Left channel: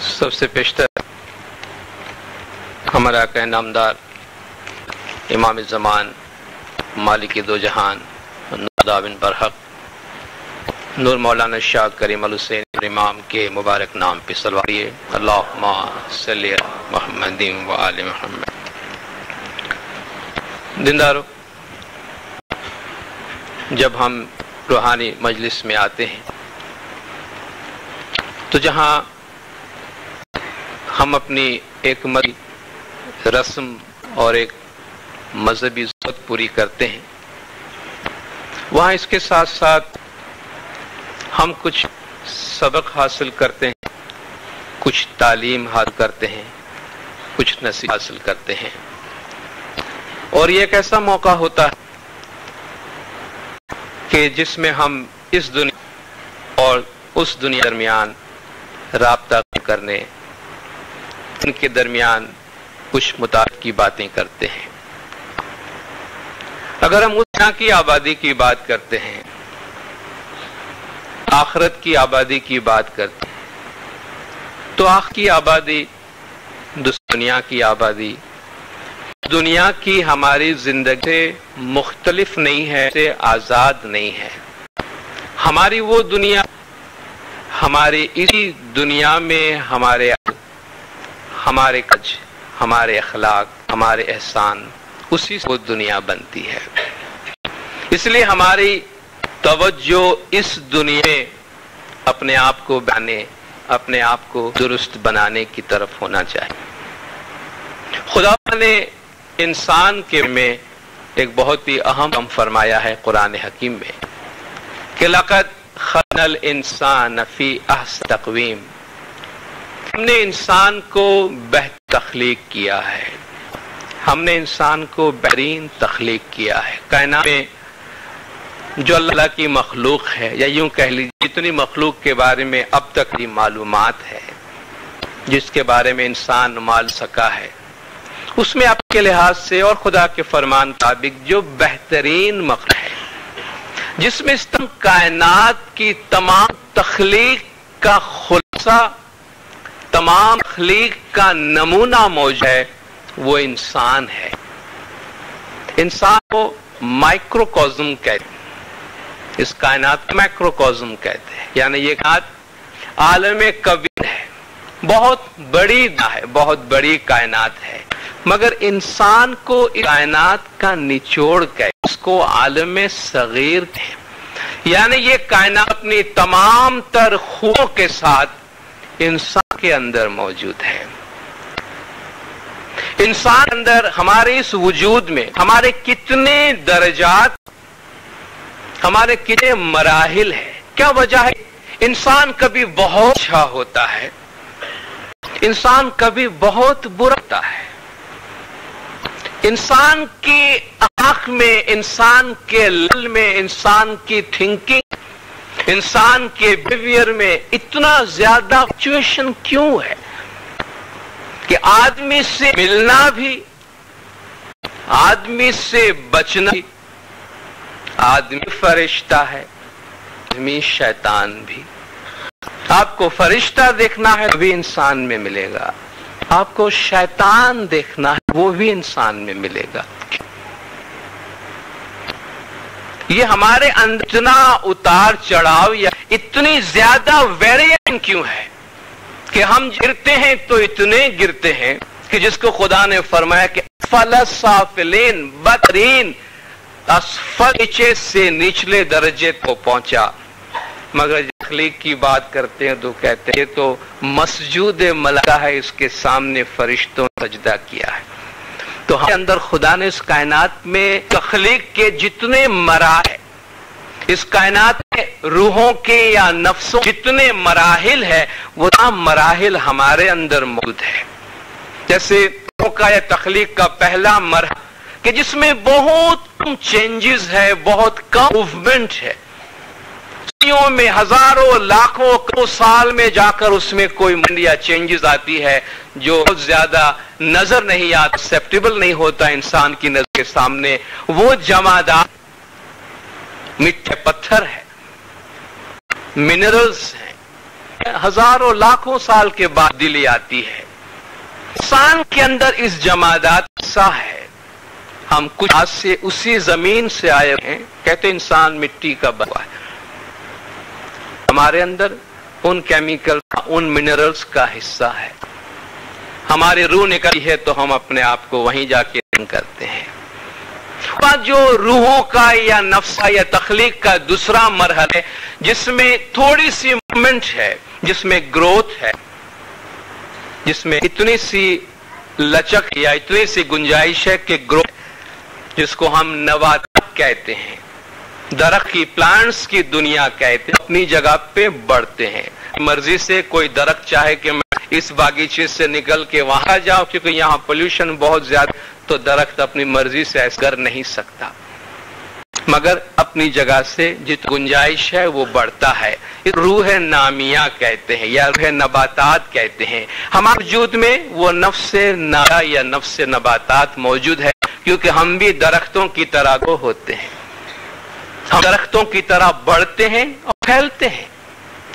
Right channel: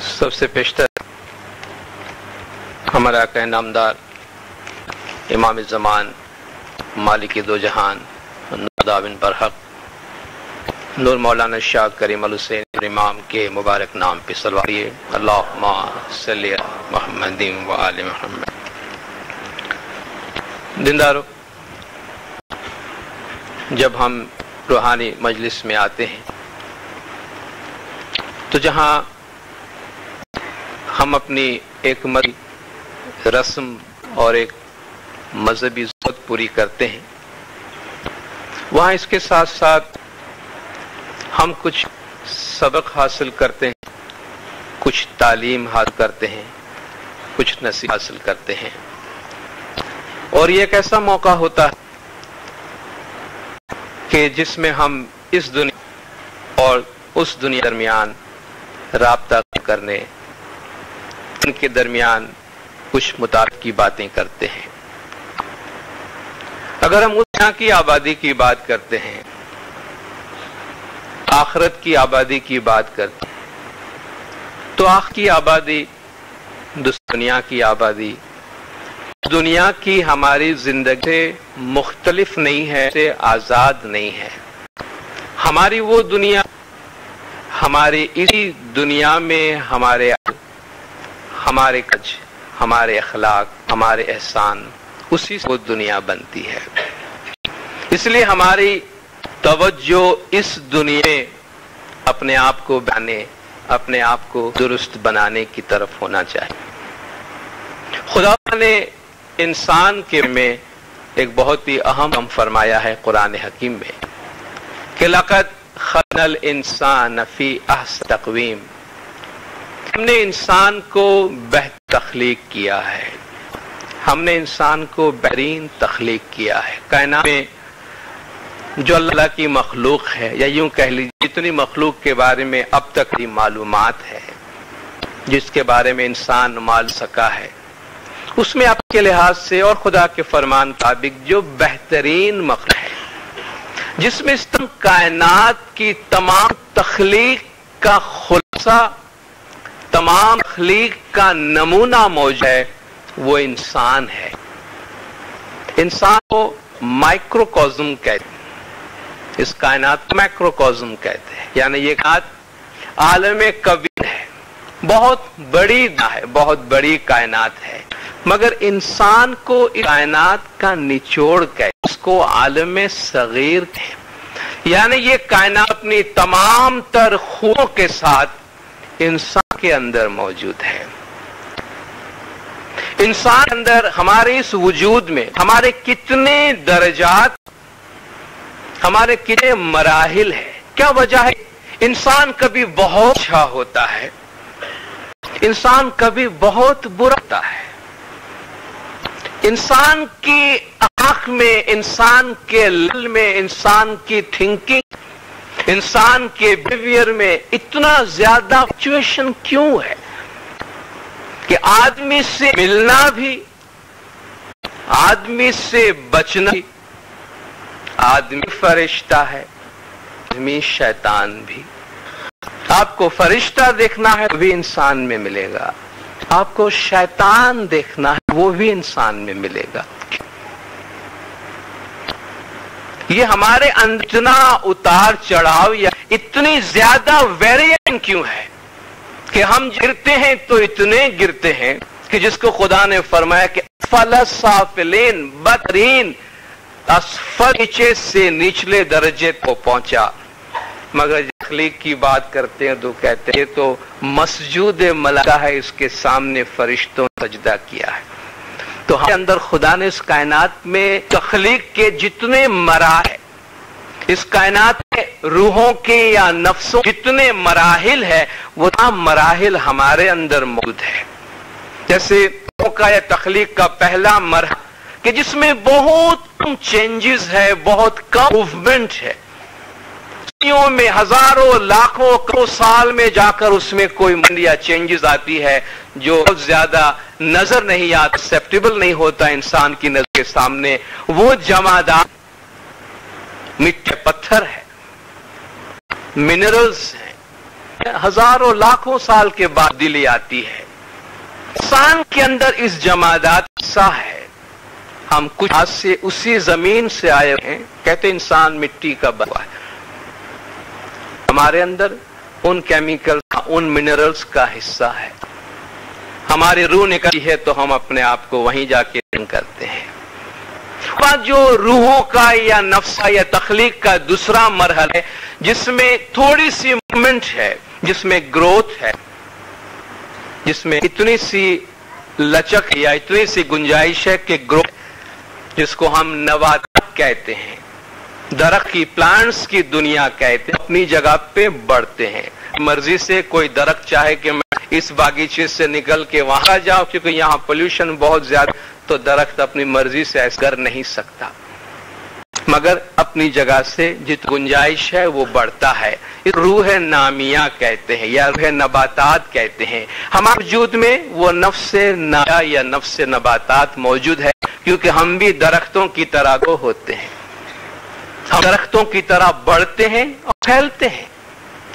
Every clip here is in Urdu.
سب سے پیشتر ہمارا آقا نامدار امام زمان مالک دو جہان نور برحق نور مولانا شاہ کریم الحسین امام کے مبارک نام پہ صلوات اللہم صلی علی محمد و آل محمد۔ دیندارو، جب ہم روحانی مجلس میں آتے ہیں تو جہاں ہم اپنی ایک رسم اور ایک مذہبی ضرورت پوری کرتے ہیں، وہاں اس کے ساتھ ساتھ ہم کچھ سبق حاصل کرتے ہیں، کچھ تعلیم حاصل کرتے ہیں، کچھ نصیحت حاصل کرتے ہیں، اور یہ ایک ایسا موقع ہوتا ہے کہ جس میں ہم اس دنیا اور اس دنیا درمیان رابطہ کرنے، ان کے درمیان کچھ مطابق کی باتیں کرتے ہیں۔ اگر ہم اس دنیا کی آبادی کی بات کرتے ہیں، آخرت کی آبادی کی بات کرتے ہیں، تو آخرت کی آبادی دنیا کی آبادی دنیا کی ہماری زندگی سے مختلف نہیں ہے، سے آزاد نہیں ہے۔ ہماری وہ دنیا، ہماری اسی دنیا میں ہمارے کچھ، ہمارے اخلاق، ہمارے احسان، اسی سے وہ دنیا بنتی ہے۔ اس لیے ہماری توجہ اس دنیا میں اپنے آپ کو بنانے، اپنے آپ کو درست بنانے کی طرف ہونا چاہیے۔ خدا نے انسان کے میں ایک بہت ہی اہم فرمایا ہے قرآن حکیم میں کہ لقد خلقنا الانسان فی احسن تقویم، ہم نے انسان کو بہتر تخلیق کیا ہے، ہم نے انسان کو بہترین تخلیق کیا ہے۔ کائنات میں جو اللہ کی مخلوق ہے، یا یوں کہہ لیجیے جتنی مخلوق کے بارے میں اب تک کی معلومات ہے، جس کے بارے میں انسان مان سکا ہے، اس میں آپ کے لحاظ سے اور خدا کے فرمان مطابق جو بہترین مخلوق ہے، جس میں کائنات کی تمام تخلیق کا خلاصہ، تمام تخلیق کا نمونہ موجود ہے، وہ انسان ہے۔ انسان کو مائکروکازم کہتے ہیں، اس کائنات مائکروکازم کہتے ہیں، یعنی یہ کائنات عالم کبیر ہے، بہت بڑی ہے، بہت بڑی کائنات ہے، مگر انسان کو اس کائنات کا نچوڑ کہتے، اس کو عالم صغیر کہتے، یعنی یہ کائنات اپنی تمام تر خوبیوں کے ساتھ انسان کے اندر موجود ہے۔ انسان اندر ہمارے اس وجود میں ہمارے کتنے درجات، ہمارے کتنے مراحل ہیں۔ کیا وجہ ہے؟ انسان کبھی بہت اچھا ہوتا ہے، انسان کبھی بہت برا ہوتا ہے۔ انسان کی آنکھ میں، انسان کے دل میں، انسان کی تھنکنگ، انسان کے بیہیویئر میں اتنا زیادہ فلکچویشن کیوں ہے کہ آدمی سے ملنا بھی، آدمی سے بچنا بھی، آدمی فرشتہ ہے، آدمی شیطان بھی۔ آپ کو فرشتہ دیکھنا ہے تو بھی انسان میں ملے گا، آپ کو شیطان دیکھنا ہے وہ بھی انسان میں ملے گا۔ یہ ہمارے اندر اتنا اتار چڑھاؤ یا اتنی زیادہ ویریشن کیوں ہے کہ ہم گرتے ہیں تو اتنے گرتے ہیں کہ جس کو خدا نے فرمایا کہ اسفل السافلین، بدترین اسفل، نیچے سے نچلے درجے کو پہنچا۔ مگر تخلیق کی بات کرتے ہیں تو کہتے ہیں یہ تو مسجود ملائکہ ہے، اس کے سامنے فرشتوں نے سجدہ کیا ہے۔ تو ہمارے اندر خدا نے اس کائنات میں تخلیق کے جتنے مراحل، اس کائنات میں روحوں کے یا نفسوں جتنے مراحل ہے، وہ تمام مراحل ہمارے اندر موجود ہے۔ جیسے کا یا تخلیق کا پہلا مرحلہ کہ جس میں بہت کم چینجز ہے، بہت کم موومنٹ ہے، صدیوں میں، ہزاروں، لاکھوں، کروڑوں سال میں جا کر اس میں کوئی یا چینجز آتی ہے جو بہت زیادہ نظر نہیں آتا، ایکسیپٹیبل نہیں ہوتا انسان کی نظر کے سامنے۔ وہ جمادات مٹی پتھر ہے، منرلز ہیں، ہزاروں لاکھوں سال کے بعد دلی آتی ہے۔ انسان کے اندر اس جمادات حصہ ہے، ہم کچھ آج سے اسی زمین سے آئے ہیں، کہتے انسان مٹی کا بنا ہے، ہمارے اندر ان کیمیکل ان منرلز کا حصہ ہے، ہماری روح نکلی ہے تو ہم اپنے آپ کو وہیں جا کے کرتے ہیں۔ جو روحوں کا یا نفس یا تخلیق کا دوسرا مرحلہ ہے جس میں تھوڑی سی موومنٹ ہے، جس میں گروتھ ہے، جس میں اتنی سی لچک یا اتنی سی گنجائش ہے کہ گروتھ، جس کو ہم نباتات کہتے ہیں، درخت کی پلانٹس کی دنیا کہتے ہیں، اپنی جگہ پہ بڑھتے ہیں۔ مرضی سے کوئی درخت چاہے کہ میں اس باغیچے سے نکل کے وہاں جاؤں کیونکہ یہاں پولوشن بہت زیادہ، تو درخت اپنی مرضی سے ایسا کر نہیں سکتا، مگر اپنی جگہ سے جتنی گنجائش ہے وہ بڑھتا ہے۔ روح نامیہ کہتے ہیں یا روح نباتات کہتے ہیں۔ ہمارے وجود میں وہ نفس نامیہ یا نفس نباتات موجود ہے، کیونکہ ہم بھی درختوں کی طرح کو ہوتے ہیں، ہم درختوں کی طرح بڑھتے ہیں اور پھیلتے ہیں۔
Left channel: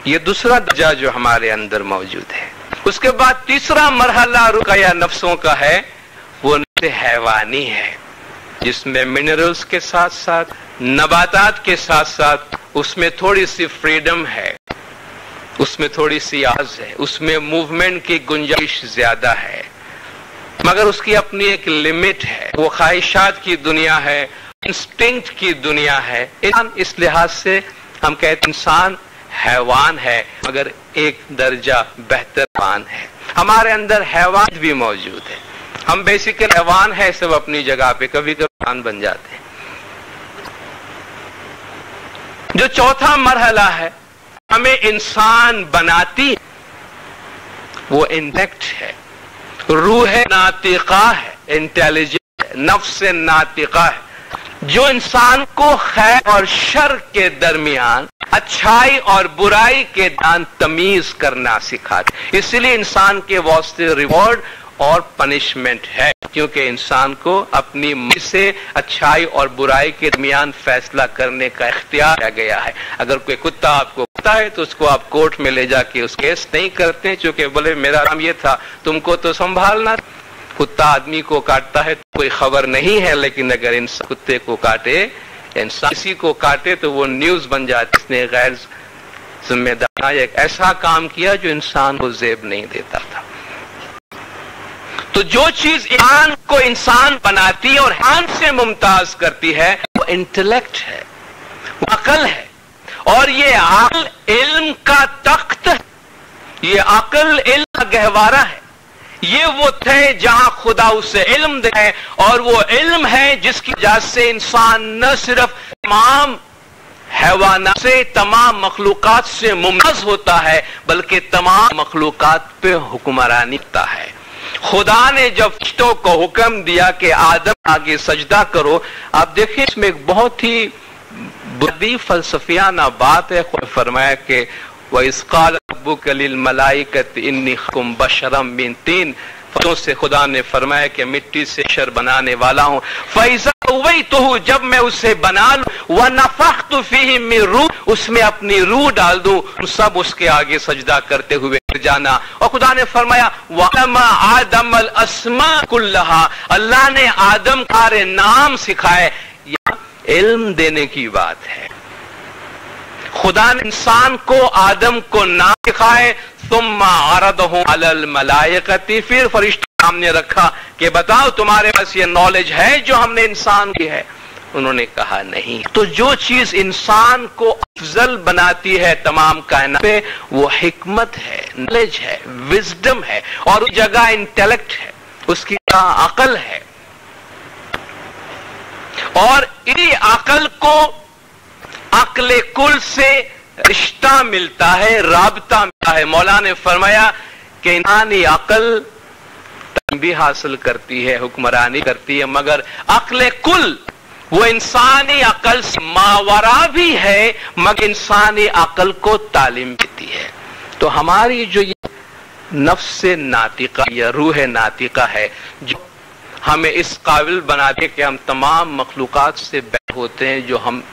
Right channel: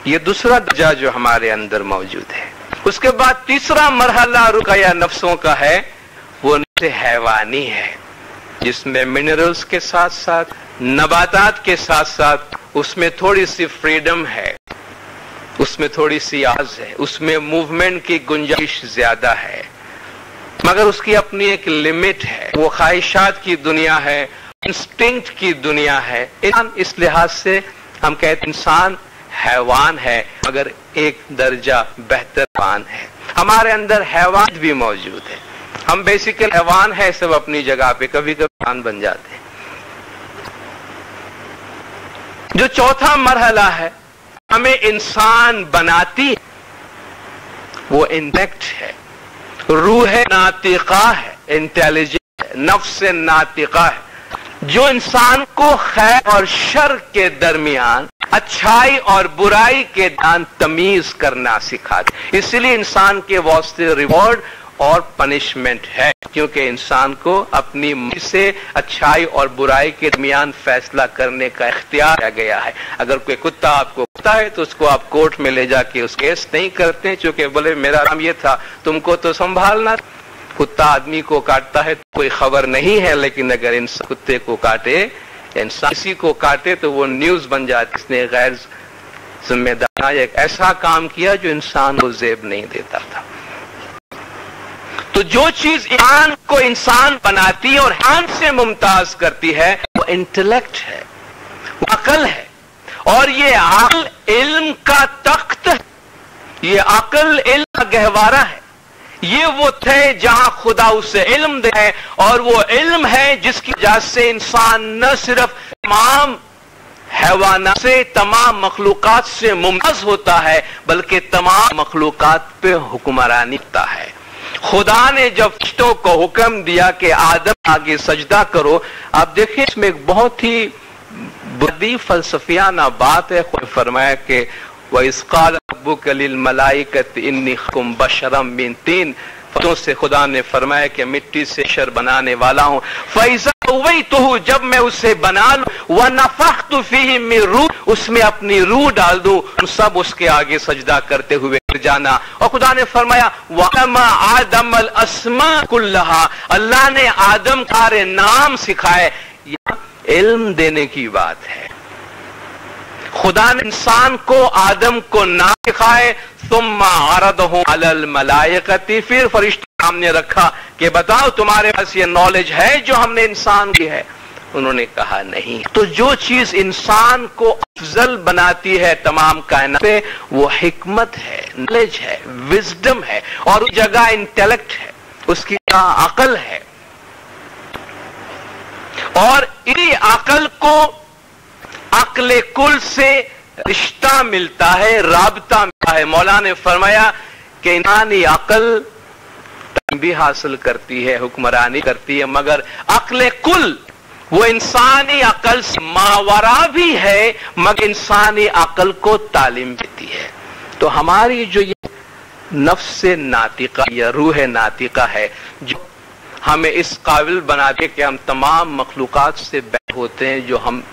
یہ دوسرا درجہ جو ہمارے اندر موجود ہے۔ اس کے بعد تیسرا مرحلہ روح یا نفسوں کا ہے، وہ نفس حیوانی ہے، جس میں منرلز کے ساتھ ساتھ نباتات کے ساتھ ساتھ اس میں تھوڑی سی فریڈم ہے، اس میں تھوڑی سی آواز ہے، اس میں موومنٹ کی گنجائش زیادہ ہے، مگر اس کی اپنی ایک لمٹ ہے۔ وہ خواہشات کی دنیا ہے، انسٹنکٹ کی دنیا ہے۔ انسان اس لحاظ سے ہم کہتے ہیں انسان حیوان ہے، مگر ایک درجہ بہتر حیوان ہے۔ ہمارے اندر حیوان بھی موجود ہے، ہم بیسیکل حیوان ہیں، سب اپنی جگہ پہ کبھی کبھی انسان بن جاتے ہیں۔ جو چوتھا مرحلہ ہے ہمیں انسان بناتی، وہ انٹیکٹ ہے، روح ناطقہ ہے، انٹیلیجنٹ ہے، نفس ناطقہ ہے، جو انسان کو خیر اور شر کے درمیان، اچھائی اور برائی کے درمیان تمیز کرنا سکھاتی۔ اس لیے انسان کے واسطے ریوارڈ اور پنشمنٹ ہے، کیونکہ انسان کو اپنی مرضی سے اچھائی اور برائی کے درمیان فیصلہ کرنے کا اختیار دیا گیا ہے۔ اگر کوئی کتا آپ کو کتا ہے تو اس کو آپ کورٹ میں لے جا کے اس کیس نہیں کرتے، چونکہ بولے میرا نام یہ تھا، تم کو تو سنبھالنا۔ کتا آدمی کو کاٹتا ہے تو کوئی خبر نہیں ہے، لیکن اگر انسان کتے کو کاٹے، انسان کسی کو کاٹے تو وہ نیوز بن جاتی، اس نے غیر ذمہ دارانہ ایک ایسا کام کیا جو انسان کو زیب نہیں دیتا تھا۔ تو جو چیز انسان کو انسان بناتی ہے اور حیوان سے ممتاز کرتی ہے وہ انٹلیکٹ ہے، وہ عقل ہے، اور یہ عقل علم کا تخت ہے، یہ عقل علم کا گہوارہ ہے، یہ وہ ہے جہاں خدا اسے علم دے ہے، اور وہ علم ہے جس کی وجہ سے انسان نہ صرف تمام حیوانات سے، تمام مخلوقات سے ممتاز ہوتا ہے، بلکہ تمام مخلوقات پہ حکمرانی کرتا ہے۔ خدا نے جب فرشتوں کو حکم دیا کہ آدم آگے سجدہ کرو، آپ دیکھیں اس میں ایک بہت ہی بڑی فلسفیانہ بات ہے۔ خدا نے فرمایا کہ وَإِذْ قَالَ رَبُّكَ لِلْمَلَائِكَةِ إِنِّي خَلَقْتُ بَشَرًا مِّن طِينٍ، فرشتوں سے خدا نے فرمایا کہ مٹی سے بشر بنانے والا ہوں، فَإِذَا سَوَّيْتُهُ، جب میں اسے بنا لوں، وَنَفَخْتُ فِيهِ مِن روح، اس میں اپنی روح ڈال دوں، سب اس کے آگے سجدہ کرتے ہوئے جانا۔ اور خدا نے فرمایا وَعَلَّمَ آدَمَ الْأَسْمَاءَ كُلَّهَا، اللہ نے آدم سارے نام سکھائے۔ یہ علم دینے کی بات ہے، خدا نے انسان کو آدم کو نام سکھائے، ثم عرضه على الملائکۃ، پھر فرشتوں سامنے رکھا کہ بتاؤ تمہارے پاس یہ نالج ہے جو ہم نے انسان کی ہے؟ انہوں نے کہا نہیں۔ تو جو چیز انسان کو افضل بناتی ہے تمام کائنات پہ، وہ حکمت ہے، نالج ہے، وزڈم ہے، اور اس جگہ انٹیلیکٹ ہے، اس کی جگہ عقل ہے، اور اسی عقل کو عقل کل سے رشتہ ملتا ہے، رابطہ ملتا ہے۔ مولا نے فرمایا کہ انسانی عقل بھی حاصل کرتی ہے، حکمرانی کرتی ہے، مگر عقل کل وہ انسانی عقل سے ماورا بھی ہے، مگر انسانی عقل کو تعلیم دیتی ہے۔ تو ہماری جو یہ نفس ناطقہ یا روح ناطقہ ہے، جو ہمیں اس قابل بنا دے کہ ہم تمام مخلوقات سے ہوتے ہیں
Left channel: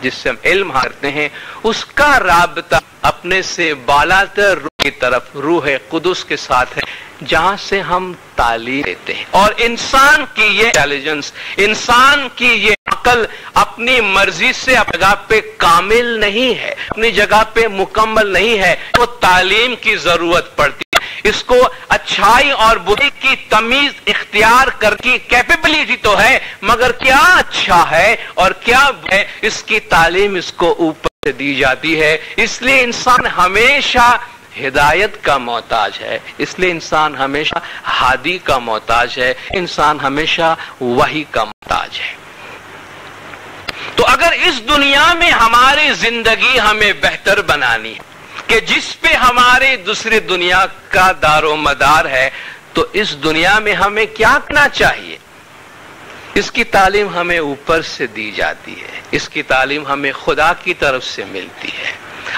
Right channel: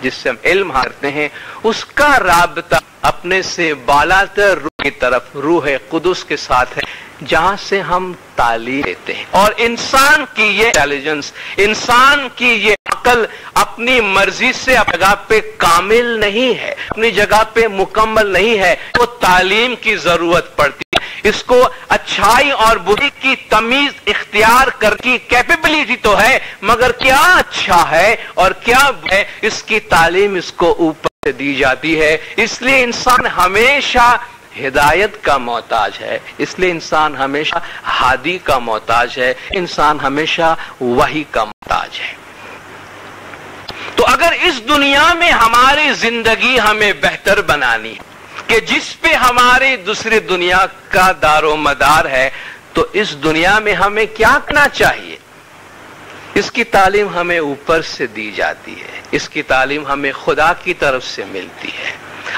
جس سے ہم علم کرتے ہیں، اس کا رابطہ اپنے سے بالاتر روح کی طرف روح قدس کے ساتھ ہے، جہاں سے ہم تعلیم لیتے ہیں۔ اور انسان کی یہ انٹیلیجنس، انسان کی یہ عقل اپنی مرضی سے اپنی جگہ پہ کامل نہیں ہے، اپنی جگہ پہ مکمل نہیں ہے، تو تعلیم کی ضرورت پڑتی ہے۔ اس کو اچھائی اور برائی کی تمیز اختیار کر کی کیپیبلٹی تو ہے، مگر کیا اچھا ہے اور کیا ہے، اس کی تعلیم اس کو اوپر سے دی جاتی ہے۔ اس لیے انسان ہمیشہ ہدایت کا محتاج ہے، اس لیے انسان ہمیشہ ہادی کا محتاج ہے، انسان ہمیشہ وحی کا محتاج ہے۔ تو اگر اس دنیا میں ہماری زندگی ہمیں بہتر بنانی ہے کہ جس پہ ہماری دوسری دنیا کا دار و مدار ہے، تو اس دنیا میں ہمیں کیا کرنا چاہیے؟ اس کی تعلیم ہمیں اوپر سے دی جاتی ہے، اس کی تعلیم ہمیں خدا کی طرف سے ملتی ہے۔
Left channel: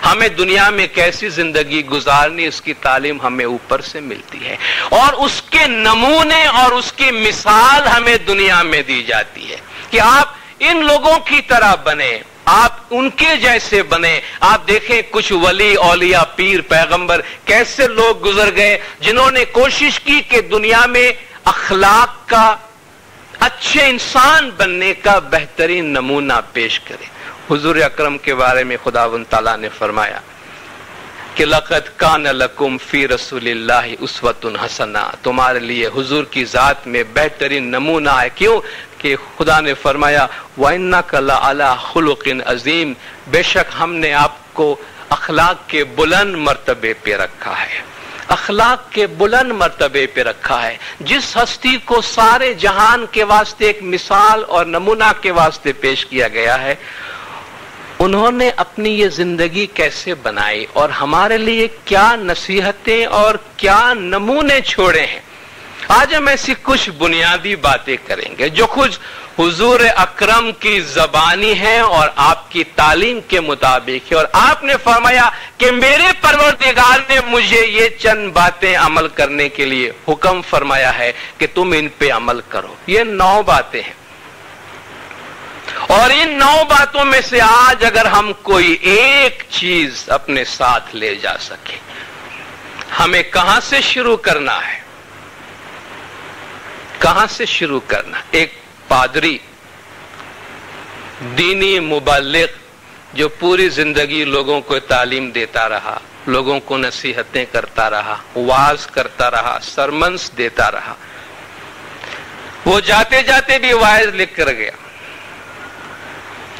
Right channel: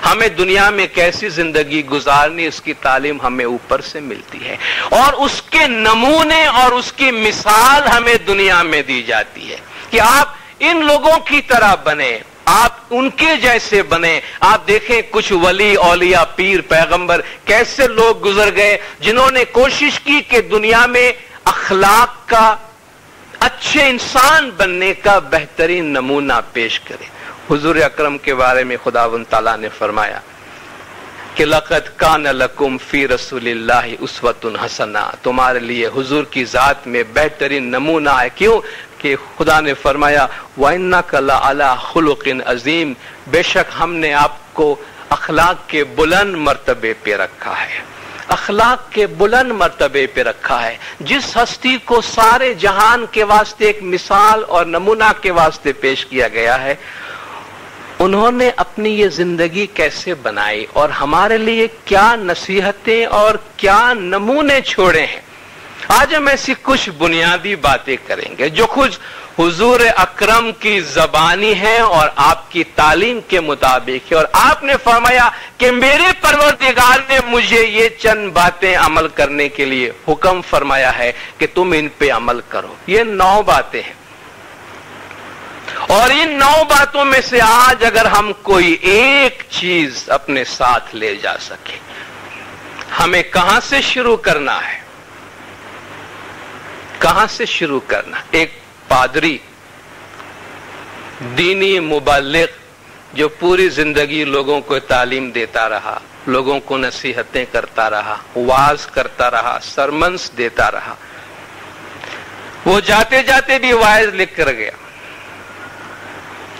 ہمیں دنیا میں کیسی زندگی گزارنی، اس کی تعلیم ہمیں اوپر سے ملتی ہے، اور اس کے نمونے اور اس کی مثال ہمیں دنیا میں دی جاتی ہے کہ آپ ان لوگوں کی طرح بنے، آپ ان کے جیسے بنے۔ آپ دیکھیں کچھ ولی، اولیاء، پیر، پیغمبر کیسے لوگ گزر گئے جنہوں نے کوشش کی کہ دنیا میں اخلاق کا، اچھے انسان بننے کا بہترین نمونہ پیش کرے۔ حضور اکرم کے بارے میں خداوند تعالیٰ نے فرمایا کہ لقد کان لکم فی رسول اللہ اسوۃ حسنہ، تمہارے لیے حضور کی ذات میں بہترین نمونہ ہے۔ کیوں کہ خدا نے فرمایا وَإِنَّكَ لَعَلَىٰ خُلُقٍ عَظِيمٍ، بے شک ہم نے آپ کو اخلاق کے بلند مرتبے پہ رکھا ہے، اخلاق کے بلند مرتبے پہ رکھا ہے۔ جس ہستی کو سارے جہان کے واسطے ایک مثال اور نمونہ کے واسطے پیش کیا گیا ہے، انہوں نے اپنی یہ زندگی کیسے بنائی اور ہمارے لیے کیا نصیحتیں اور کیا نمونے چھوڑے ہیں۔ آج ہم ایسی کچھ بنیادی باتیں کریں گے جو کچھ حضور اکرم کی زبانی ہے اور آپ کی تعلیم کے مطابق ہے، اور آپ نے فرمایا کہ میرے پروردگار نے مجھے یہ چند باتیں عمل کرنے کے لیے حکم فرمایا ہے کہ تم ان پہ عمل کرو۔ یہ 9 باتیں ہیں، اور ان 9 باتوں میں سے آج اگر ہم کوئی ایک چیز اپنے ساتھ لے جا سکیں، ہمیں کہاں سے شروع کرنا ہے؟ کہاں سے شروع کرنا؟ ایک پادری، دینی مبلغ جو پوری زندگی لوگوں کو تعلیم دیتا رہا، لوگوں کو نصیحتیں کرتا رہا، وعظ کرتا رہا، سرمنس دیتا رہا، وہ جاتے جاتے بھی وعظ لکھ کر گیا،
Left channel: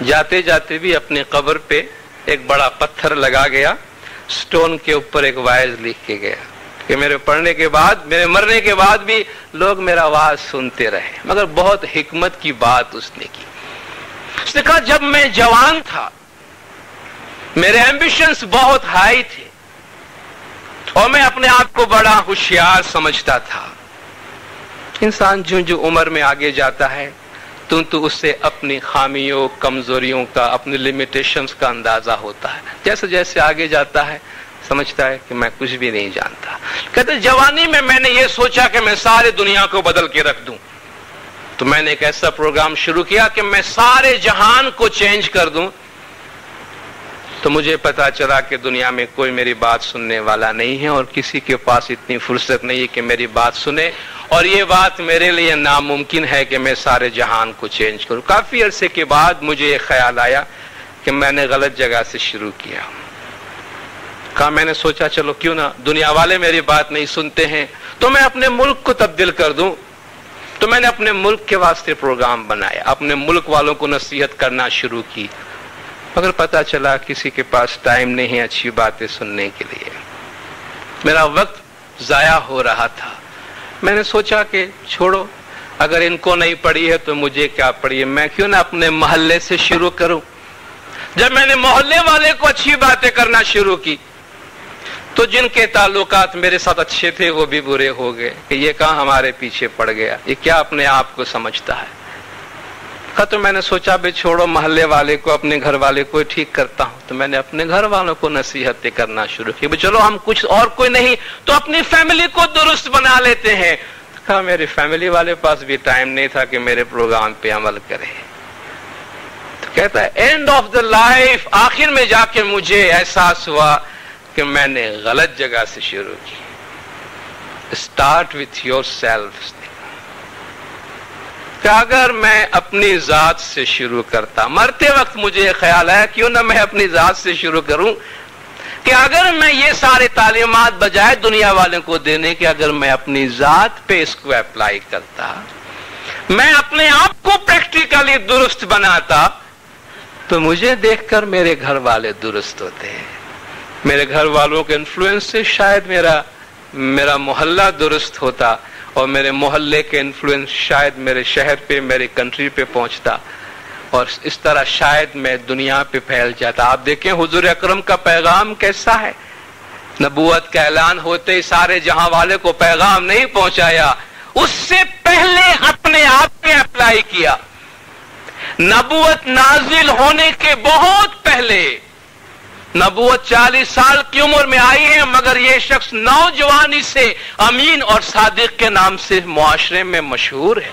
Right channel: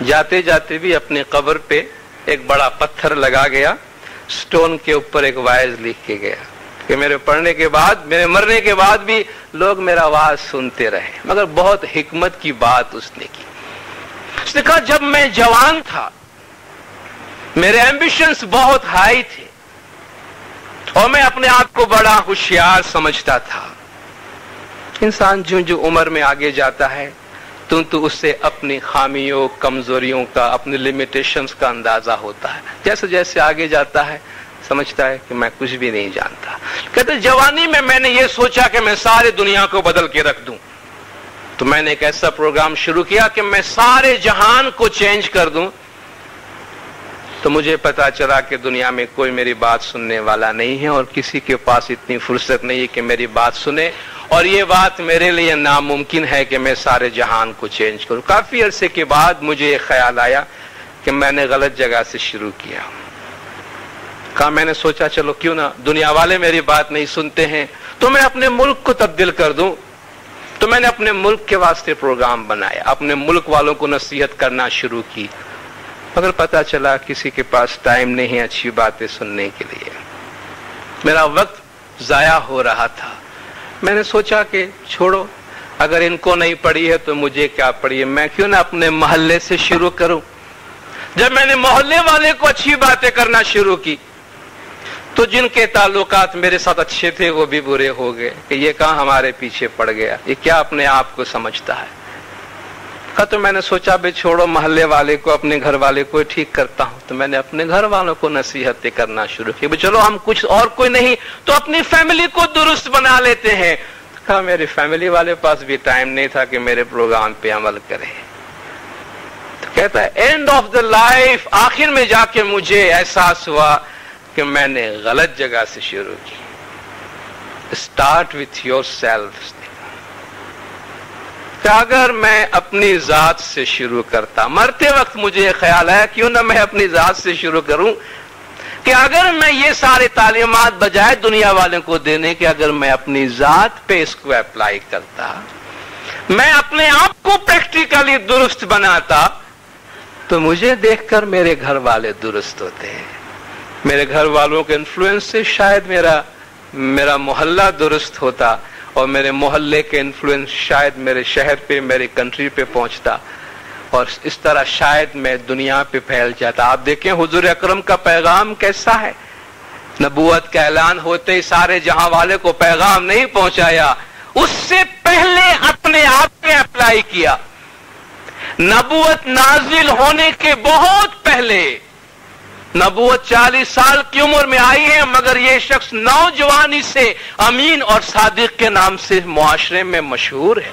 جاتے جاتے بھی اپنی قبر پہ ایک بڑا پتھر لگا گیا، سٹون کے اوپر ایک وعظ لکھ کے گیا کہ میرے پڑھنے کے بعد، میرے مرنے کے بعد بھی لوگ میرا وعظ سنتے رہے۔ مگر بہت حکمت کی بات اس نے کی، اس نے کہا جب میں جوان تھا میرے ایمبیشنز بہت ہائی تھے اور میں اپنے آپ کو بڑا ہوشیار سمجھتا تھا۔ انسان جو عمر میں آگے جاتا ہے تو اسے اپنی خامیوں، کمزوریوں کا، اپنی لیمیٹیشنز کا اندازہ ہوتا ہے۔ جیسے جیسے آگے جاتا ہے سمجھتا ہے کہ میں کچھ بھی نہیں جانتا۔ کہتے جوانی میں نے یہ سوچا کہ میں سارے دنیا کو بدل کے رکھ دوں، تو میں نے ایک ایسا پروگرام شروع کیا کہ میں سارے جہان کو چینج کر دوں۔ تو مجھے پتا چلا کہ دنیا میں کوئی میری بات سننے والا نہیں ہے اور کسی کے پاس اتنی فرصت نہیں ہے کہ میری بات سنے، اور یہ بات میرے لیے ناممکن ہے کہ میں سارے جہان کو چینج کروں۔ کافی عرصے کے بعد مجھے یہ خیال آیا کہ میں نے غلط جگہ سے شروع کیا۔ میں نے سوچا چلو کیوں نہ دنیا والے میری بات نہیں سنتے ہیں تو میں اپنے ملک کو تبدیل کر دوں۔ تو میں نے اپنے ملک کے واسطے پروگرام بنایا، اپنے ملک والوں کو نصیحت کرنا شروع کی، مگر پتا چلا کسی کے پاس ٹائم نہیں ہے اچھی باتیں سننے کے لیے، میرا وقت ضائع ہو رہا تھا۔ میں نے سوچا کہ چھوڑو، اگر ان کو نہیں پڑھی ہے تو مجھے کیا پڑھی ہے، میں کیوں نہ اپنے محلے سے شروع کروں۔ جب میں نے محلے والے کو اچھی باتیں کرنا شروع کی تو جن کے تعلقات میرے ساتھ اچھے تھے وہ بھی برے ہو گئے کہ یہ کہاں ہمارے پیچھے پڑ گیا، یہ کیا اپنے آپ کو سمجھتا ہے۔ تو میں نے سوچا بھائی چھوڑو، محلے والے کو، اپنے گھر والے کو ٹھیک کرتا ہوں۔ تو میں نے اپنے گھر والوں کو نصیحتیں کرنا شروع کی، چلو ہم کچھ اور کوئی نہیں تو اپنی فیملی کو درست بنا لیتے ہیں۔ کہا میری فیملی والے پاس بھی ٹائم نہیں تھا کہ میرے پروگرام پہ عمل کرے۔ تو کہتا ہے اینڈ آف دا لائف، آخر میں جا کے مجھے احساس ہوا کہ میں نے غلط جگہ سے شروع کی. Start with your self. کہ اگر میں اپنی ذات سے شروع کرتا، مرتے وقت مجھے یہ خیال آیا کیوں نہ میں اپنی ذات سے شروع کروں، کہ اگر میں یہ سارے تعلیمات بجائے دنیا والوں کو دینے کے اگر میں اپنی ذات پہ اس کو اپلائی کرتا، میں اپنے آپ کو پریکٹیکلی درست بناتا، تو مجھے دیکھ کر میرے گھر والے درست ہوتے ہیں. میرے گھر والوں کے انفلوئنس سے شاید میرا محلہ درست ہوتا، اور میرے محلے کے انفلوئنس شاید میرے شہر پہ، میری کنٹری پہ پہنچتا، اور اس طرح شاید میں دنیا پہ پھیل جاتا. آپ دیکھیں حضور اکرم کا پیغام کیسا ہے. نبوت کا اعلان ہوتے ہی سارے جہاں والے کو پیغام نہیں پہنچایا، اس سے پہلے اپنے آپ پہ اپلائی کیا. نبوت نازل ہونے کے بہت پہلے، نبوت 40 سال کی عمر میں آئی ہے، مگر یہ شخص نوجوانی سے امین اور صادق کے نام سے معاشرے میں مشہور ہے.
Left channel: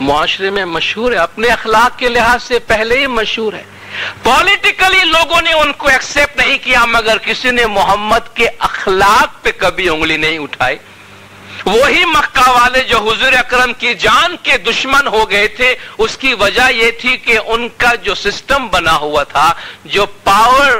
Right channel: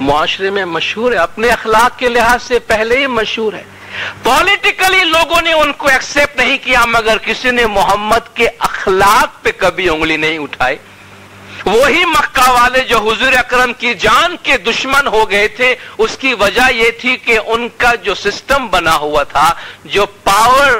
معاشرے میں مشہور ہے، اپنے اخلاق کے لحاظ سے پہلے ہی مشہور ہے. پولیٹیکلی لوگوں نے ان کو ایکسپٹ نہیں کیا، مگر کسی نے محمد کے اخلاق پہ کبھی انگلی نہیں اٹھائی. وہی مکہ والے جو حضور اکرم کی جان کے دشمن ہو گئے تھے، اس کی وجہ یہ تھی کہ ان کا جو سسٹم بنا ہوا تھا، جو پاور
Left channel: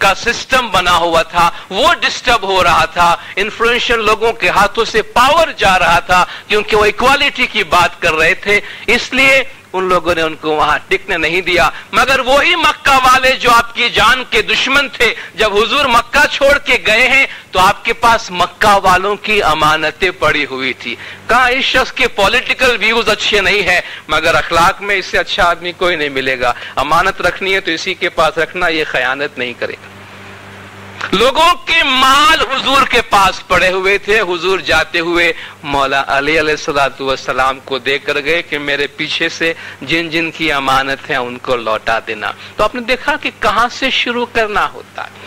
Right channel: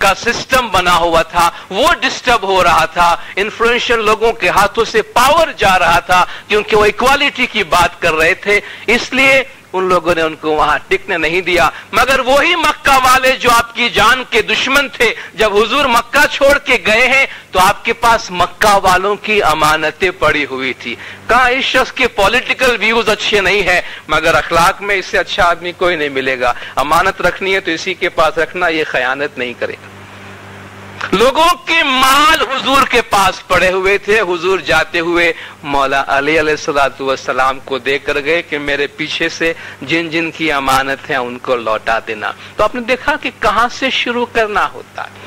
کا سسٹم بنا ہوا تھا، وہ ڈسٹرب ہو رہا تھا. انفلوئنشل لوگوں کے ہاتھوں سے پاور جا رہا تھا، کیونکہ وہ ایکوالٹی کی بات کر رہے تھے، اس لیے ان لوگوں نے ان کو وہاں ٹکنے نہیں دیا. مگر وہی مکہ والے جو آپ کی جان کے دشمن تھے، جب حضور مکہ چھوڑ کے گئے ہیں تو آپ کے پاس مکہ والوں کی امانتیں پڑی ہوئی تھی. کہا اس شخص کے پولیٹیکل ویوز اچھے نہیں ہیں، مگر اخلاق میں اس سے اچھا آدمی کوئی نہیں ملے گا. امانت رکھنی ہے تو اسی کے پاس رکھنا، یہ خیانت نہیں کرے گا. لوگوں کے مال حضور کے پاس پڑے ہوئے تھے. حضور جاتے ہوئے مولا علی علیہ الصلوۃ والسلام کو دے کر گئے کہ میرے پیچھے سے جن جن کی امانت ہے ان کو لوٹا دینا. تو آپ نے دیکھا کہ کہاں سے شروع کرنا ہوتا ہے.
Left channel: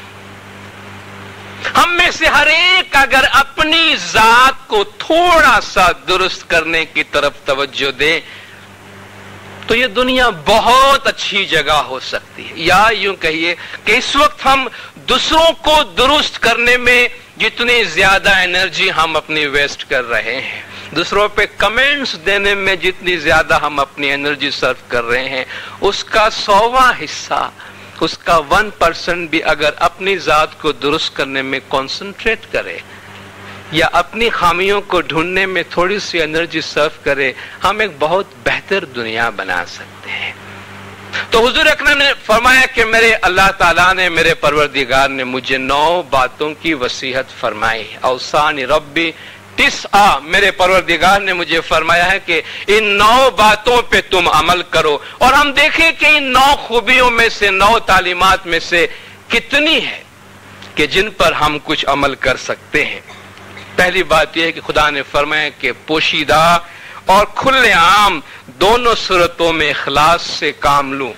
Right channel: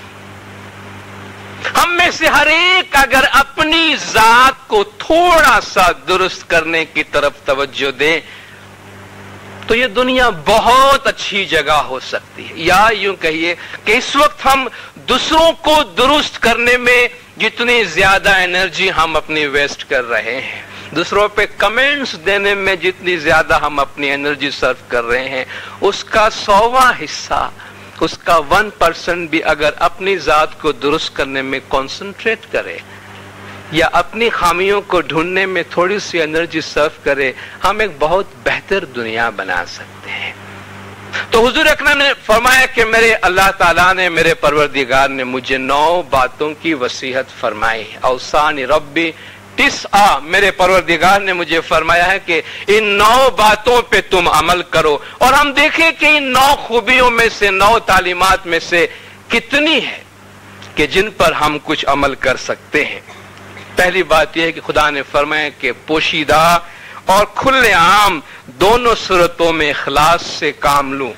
ہم میں سے ہر ایک اگر اپنی ذات کو تھوڑا سا درست کرنے کی طرف توجہ دیں تو یہ دنیا بہت اچھی جگہ ہو سکتی ہے. یا یوں کہیے کہ اس وقت ہم دوسروں کو درست کرنے میں جتنی زیادہ انرجی ہم اپنی ویسٹ کر رہے ہیں، دوسروں پہ کمنٹس دینے میں جتنی زیادہ ہم اپنی انرجی صرف کر رہے ہیں، اس کا 100واں حصہ، اس کا 1% بھی اگر اپنی ذات کو درست کرنے میں کنسنٹریٹ کرے یا اپنی خامیوں کو ڈھونڈنے میں تھوڑی سی انرجی صرف کرے، ہم ایک بہت بہتر دنیا بنا سکتے ہیں. تو حضور اکرم نے فرمایا کہ میرے اللہ تعالیٰ نے، میرے پروردگار نے مجھے 9 باتوں کی وصیت فرمائی. اوصانی ربی 9، میرے پروردگار نے مجھے فرمایا ہے کہ ان 9 باتوں پہ تم عمل کرو. اور ہم دیکھیں کہ ان 9 خوبیوں میں سے، 9 تعلیمات میں سے کتنی ہے کہ جن پر ہم کچھ عمل کر سکتے ہیں. پہلی بات یہ ہے کہ خدا نے فرمایا کہ پوشیدہ اور کھلے عام دونوں صورتوں میں اخلاص سے کام لوں.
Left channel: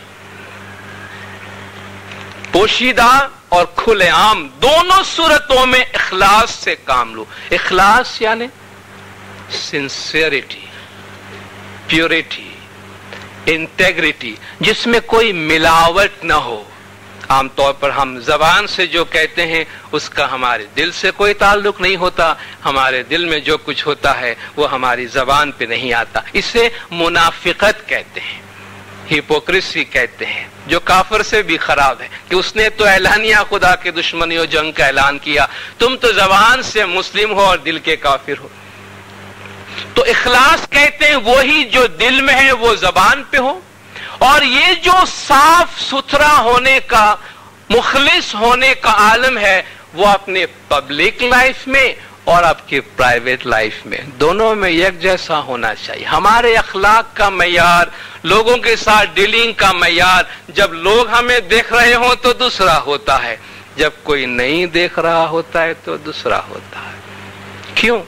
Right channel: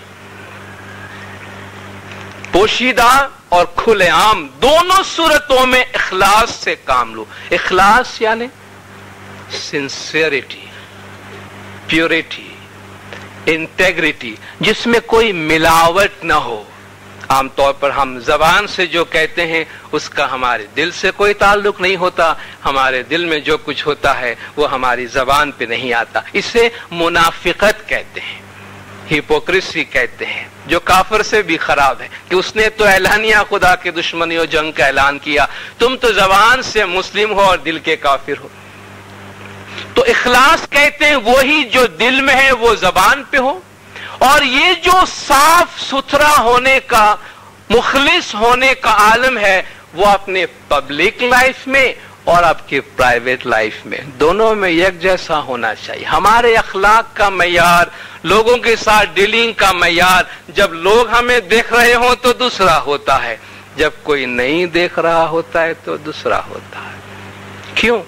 پوشیدہ اور کھلے عام دونوں صورتوں میں اخلاص سے کام لوں. اخلاص یعنی سنسیئرٹی، پیورٹی، انٹیگریٹی، جس میں کوئی ملاوٹ نہ ہو. عام طور پر ہم زبان سے جو کہتے ہیں اس کا ہمارے دل سے کوئی تعلق نہیں ہوتا. ہمارے دل میں جو کچھ ہوتا ہے وہ ہماری زبان پہ نہیں آتا. اسے منافقت کہتے ہیں، ہپوکریسی کہتے ہیں، جو کافر سے بھی خراب ہے کہ اس نے تو اعلانیہ خدا کے دشمنی و جنگ کا اعلان کیا، تم تو زبان سے مسلم ہو اور دل کے کافر ہو. تو اخلاص کہتے ہیں وہی جو دل میں ہے وہ زبان پہ ہو، اور یہ جو صاف ستھرا ہونے کا، مخلص ہونے کا عالم ہے وہ اپنے پبلک لائف میں اور آپ کے پرائیویٹ لائف میں دونوں میں یک جیسا ہونا چاہیے. ہمارے اخلاق کا معیار، لوگوں کے ساتھ ڈیلنگ کا معیار، جب لوگ ہمیں دیکھ رہے ہوں تو دوسرا ہوتا ہے، جب کوئی نہیں دیکھ رہا ہوتا ہے تو دوسرا ہوتا ہے. کیوں؟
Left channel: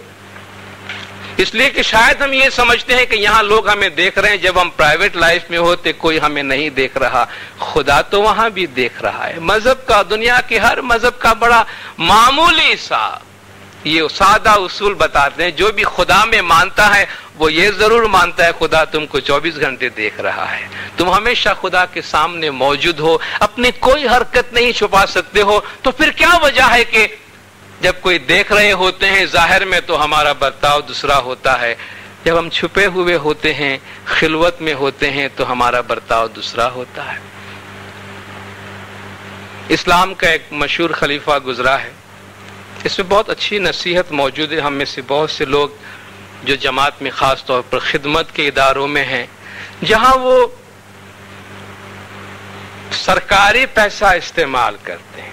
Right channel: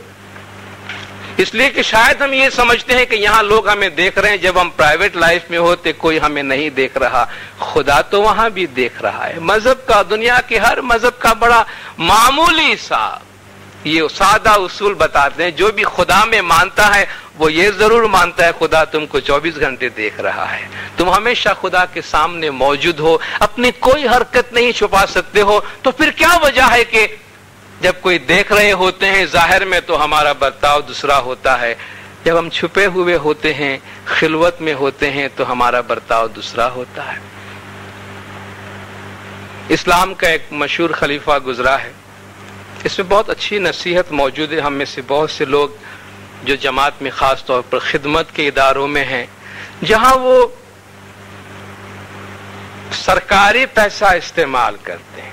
اس لیے کہ شاید ہم یہ سمجھتے ہیں کہ یہاں لوگ ہمیں دیکھ رہے ہیں، جب ہم پرائیویٹ لائف میں ہوتے کوئی ہمیں نہیں دیکھ رہا. خدا تو وہاں بھی دیکھ رہا ہے. مذہب کا، دنیا کے ہر مذہب کا بڑا معمولی سا یہ سادہ اصول بتاتے ہیں، جو بھی خدا میں مانتا ہے وہ یہ ضرور مانتا ہے خدا تم کو 24 گھنٹے دیکھ رہا ہے، تم ہمیشہ خدا کے سامنے موجود ہو، اپنی کوئی حرکت نہیں چھپا سکتے ہو، تو پھر کیا وجہ ہے کہ جب کوئی دیکھ رہے ہوتے ہیں ظاہر میں تو ہمارا برتاؤ دوسرا ہوتا ہے، جب ہم چھپے ہوئے ہوتے ہیں، خلوت میں ہوتے ہیں، تو ہمارا برتاؤ دوسرا ہوتا ہے۔ اسلام کا ایک مشہور خلیفہ گزرا ہے، اس میں بہت اچھی نصیحت موجود ہے۔ ہم میں سے بہت سے لوگ جو جماعت میں خاص طور پر خدمت کے اداروں میں ہیں، جہاں وہ سرکاری پیسہ استعمال کرتے ہیں،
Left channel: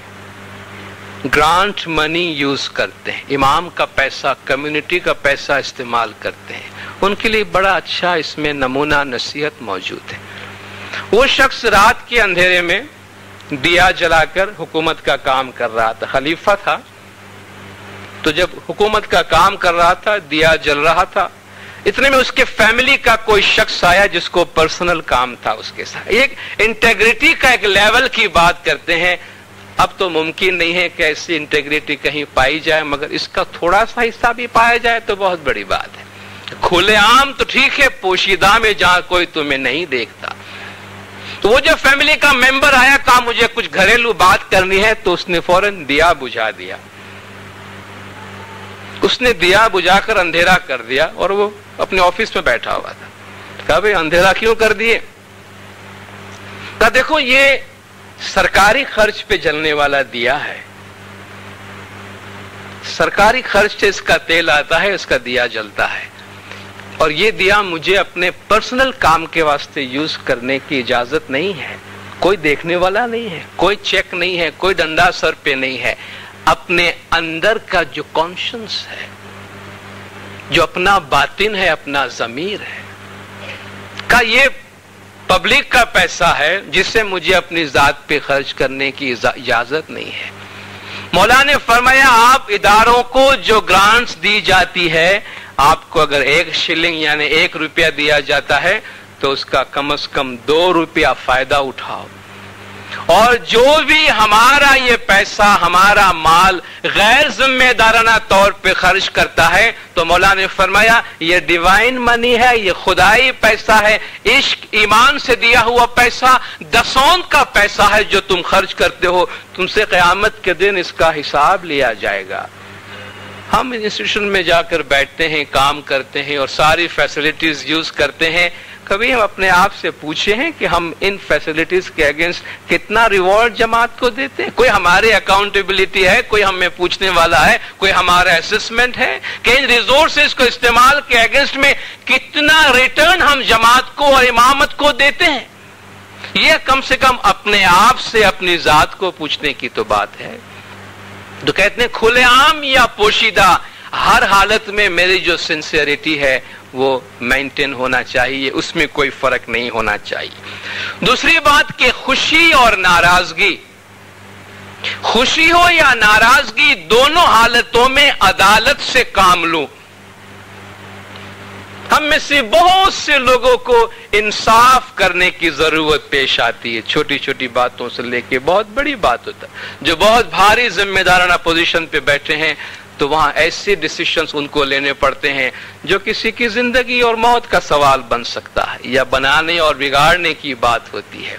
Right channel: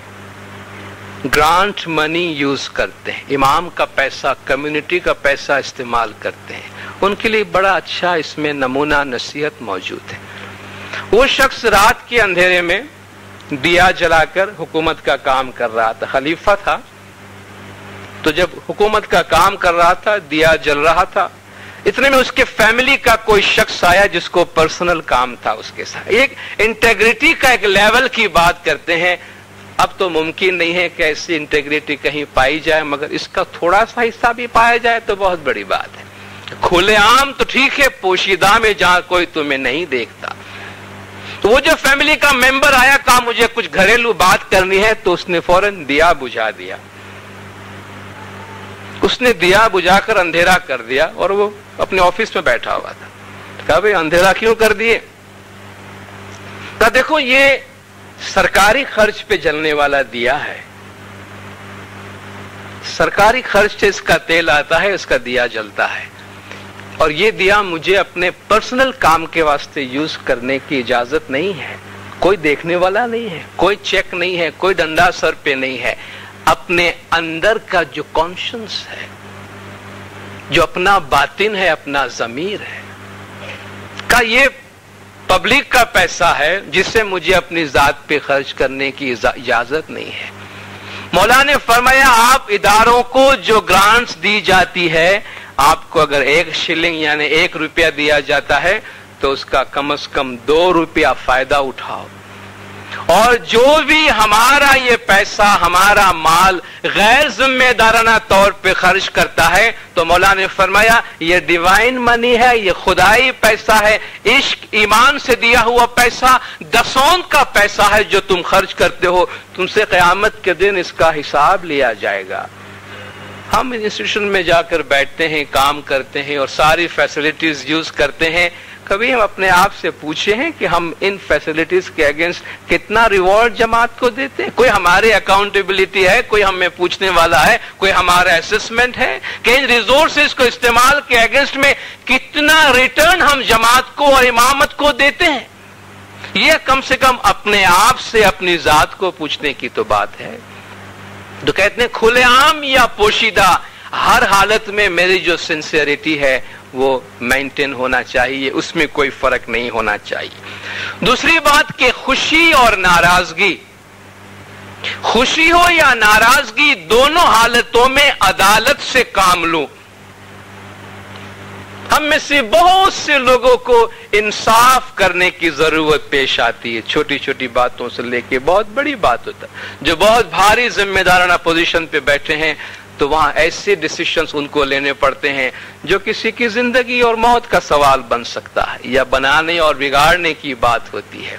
گرانٹ منی یوز کرتے ہیں، امام کا پیسہ، کمیونٹی کا پیسہ استعمال کرتے ہیں، ان کے لیے بڑا اچھا اس میں نمونہ نصیحت موجود ہے۔ وہ شخص رات کے اندھیرے میں دیا جلا کر حکومت کا کام کر رہا تھا، خلیفہ تھا، تو جب حکومت کا کام کر رہا تھا، دیا جل رہا تھا، اتنے میں اس کے فیملی کا کوئی شخص آیا جس کو پرسنل کام تھا اس کے ساتھ۔ ایک انٹیگریٹی کا ایک لیول کی بات کرتے ہیں، اب تو ممکن نہیں ہے کہ ایسی انٹیگریٹی کہیں پائی جائے، مگر اس کا تھوڑا سا حصہ بھی پایا جائے تو بہت بڑی بات ہے۔ کھلے عام تو ٹھیک ہے، پوشیدہ میں جہاں کوئی تمہیں نہیں دیکھتا۔ تو وہ جو فیملی کا ممبر آیا، کہا مجھے کچھ گھریلو بات کرنی ہے، تو اس نے فوراً دیا بجھا دیا، اس نے دیا بجھا کر اندھیرا کر دیا، اور وہ اپنے آفس پہ بیٹھا ہوا تھا۔ کہا بھئی اندھیرا کیوں کر دیے؟ کہا دیکھو یہ سرکاری خرچ پہ جلنے والا دیا ہے، سرکاری خرچ سے اس کا تیل آتا ہے، اس کا دیا جلتا ہے، اور یہ دیا مجھے اپنے پرسنل کام کے واسطے یوز کرنے کی اجازت نہیں ہے، کوئی دیکھنے والا نہیں ہے، کوئی چیک نہیں ہے، کوئی ڈنڈا سر پہ نہیں ہے، اپنے اندر کا جو کانشنس ہے، جو اپنا باطن ہے، اپنا ضمیر ہے، کا یہ پبلک کا پیسہ ہے جسے مجھے اپنی ذات پہ خرچ کرنے کی اجازت نہیں ہے۔ مولا نے فرمایا آپ اداروں کو جو گرانٹس دی جاتی ہے، آپ کو اگر 1 شلنگ یعنی 1 روپیہ دیا جاتا ہے تو اس کا کم از کم 2 روپیہ فائدہ اٹھاؤ، اور جو بھی ہمارا یہ پیسہ، ہمارا مال غیر ذمہ دارانہ طور پہ خرچ کرتا ہے، تو مولا نے فرمایا یہ ڈیوائن منی ہے، یہ خدائی پیسہ ہے، عشق ایمان سے دیا ہوا پیسہ، دسوند کا پیسہ ہے جو تم خرچ کرتے ہو، تم سے قیامت کے دن اس کا حساب لیا جائے گا۔ ہم انسٹیٹیوشن میں جا کر بیٹھتے ہیں، کام کرتے ہیں اور ساری فیسلٹیز یوز کرتے ہیں، کبھی ہم اپنے آپ سے پوچھے ہیں کہ ہم ان فیسلٹیز کے اگینسٹ کتنا ریوارڈ جماعت کو دیتے ہیں؟ کوئی ہمارے اکاؤنٹیبلٹی ہے؟ کوئی ہمیں پوچھنے والا ہے؟ کوئی ہمارا اسسمنٹ ہے کہ ان ریسورسز کو استعمال کے اگینسٹ میں کتنا ریٹرن ہم جماعت کو اور امامت کو دیتے ہیں؟ یہ کم سے کم اپنے آپ سے، اپنی ذات کو پوچھنے کی تو بات ہے۔ تو کہتے ہیں کھلے عام یا پوشیدہ ہر حالت میں میری جو سنسیئرٹی ہے وہ مینٹین ہونا چاہیے، اس میں کوئی فرق نہیں ہونا چاہیے۔ دوسری بات کہ خوشی اور ناراضگی، خوشی ہو یا ناراضگی، دونوں حالتوں میں عدالت سے کام لو۔ ہم میں سے بہت سے لوگوں کو انصاف کرنے کی ضرورت پیش آتی ہے، چھوٹی چھوٹی باتوں سے لے کے بہت بڑی بات ہوتا ہے۔ جو بہت بھاری ذمہ دارانہ پوزیشن پہ بیٹھے ہیں تو وہاں ایسے ڈیسیشنز ان کو لینے پڑتے ہیں جو کسی کی زندگی اور موت کا سوال بن سکتا ہے، یا بنانے اور بگاڑنے کی بات ہوتی ہے۔